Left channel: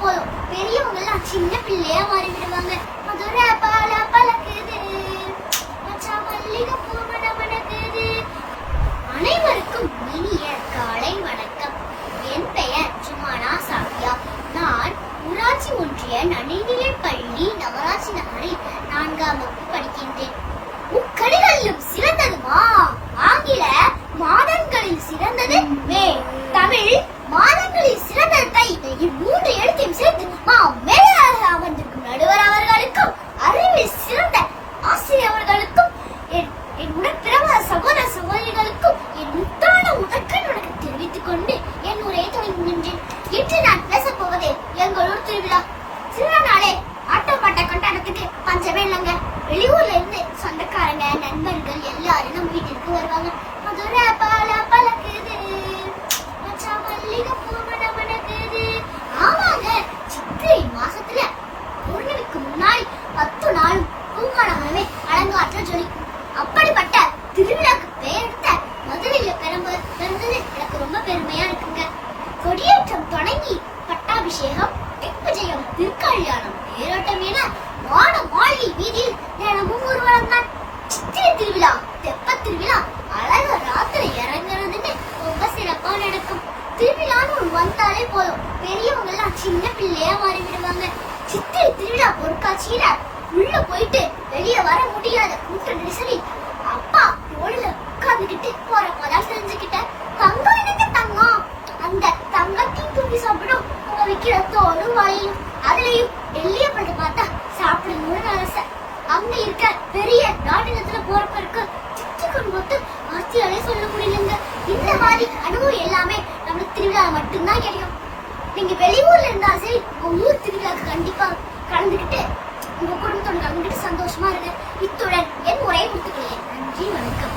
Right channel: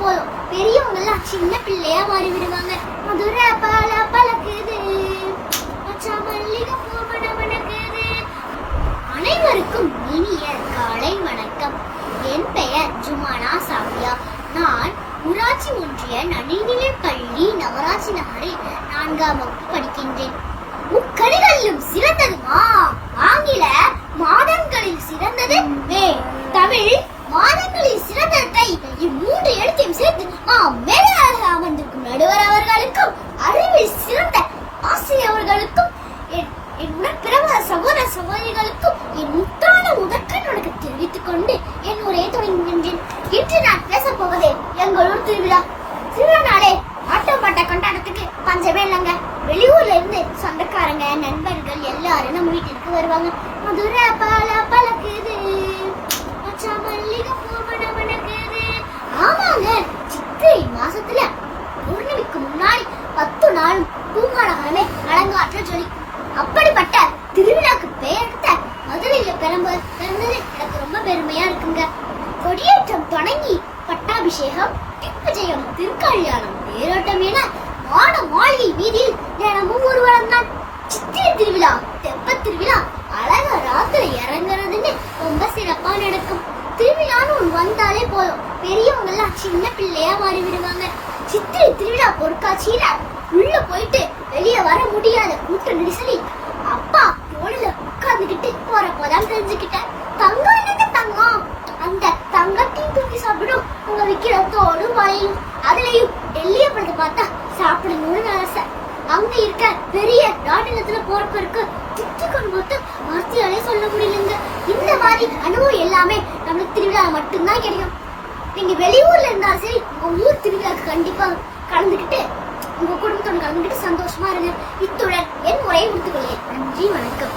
போதும் பெரியவங்க எல்லாம் சின்ன பிள்ளையா மாறி விடுவாங்க மதுரை பால பழக்குது அனைவருக்கும் இனிய காலை வணக்கம். என் பெயர் ஜுமானா சாபியா நான் ஊராட்சி ஒன்றிய நடுநிலை பள்ளி நகராட்சி நகரில் நான்காம் வகுப்பு படிக்கின்றேன். முக்கடிகளிலும் சிறந்ததுமா ஆங்கில மாதங்களில் சிறந்தது ஏ தமிழ் மாதங்களில் சிறந்தது தை இம்மூன்று எழுத்தையும் சேர்த்து மேலாக அமர்ந்திருக்கும் நடுவர் அவர்களுக்கும் அறிவில் சிறந்த ஆசிரியர் அவர்களுக்கும் என் உடற்பிறவ சகோதர சகோதரிகளுக்கும் என் முத்தான உடற்கண் உனக்கு தெரிவித்துக் கொண்டு என் உரையை தொடங்குகின்றேன் இன்று நான் பேசப் போவது எங்கள் ஊர் திருவிழா. திருவிழா நாளே ஆட்டம் கொண்டாடத்துக்கு பஞ்சமே இல்லைங்க வெளியூர்ல இருந்து சொந்தக்காரங்க நண்பர்கள் எல்லாரும் நம்ம வீட்டிற்கு வருவாங்க. அது மாசத்துல பௌர்ணமிக்கு முன்னாடி பத்து நாள் பூங்காலங்களே அலங்காற்ற ஜொலி அப்படிப்பட்ட திருவிழாக்கு பெயர்த்த மதுரையில கிளம்பு பிறந்தது. எனக்கு ரொம்ப பெருமையா இருக்குங்க. கொடியேற்றம் தொடங்கி பட்டாபிஷேகம் திக்விஜயம் திருக்கல்யாணம் தேரோட்டம் என வான மாளிகை வீதியில் தினமும் ஊர்வலம் தான் சித்திரை திருவிழா தெப்ப திருவிழா சின்ன பிள்ளையா மாறி விடுவாங்க சித்திரை திருவிழா பொருட்காட்சியில உள்ள போயிட்டு வெளியே வர முடியாத கூட்ட நெரிசலி அப்பா தோளில போற போறப்போதான் தெரிஞ்சுக்கிட்டேன் தங்கம் என்ன தங்கம்? அந்த தங்கத்தையும் தூக்கி சாப்பிடும் உங்க விக்கிற தோலும் வளையும் அதுலயும் டெல்லிய பத்தி பார்த்தா சாப்பிடணும்னு ஆசை. அங்க இருக்க பெரிய நாட்டினத்துல போறப்பருக்கு சுத்திக்கொண்டு போட்டு வார்த்தையாலே சொல்ல முடியுங்க. இந்த மாதிரி அனுபவம் எல்லாமே நம்ம திருவிழா மட்டும்தான் கிடைக்கும் நீங்க வெளியூர்ல இருந்தா சரி உங்க ஊர் திருவிழாக்கு கண்டிப்பா கலந்துக்கிட்டு உங்க குடும்பத்தோட கலந்துக்கிட்டு சந்தோஷமா இருங்க. இத்துடன் என் உரையை முடித்துக் கொள்கிறேன். நன்றி வணக்கம்.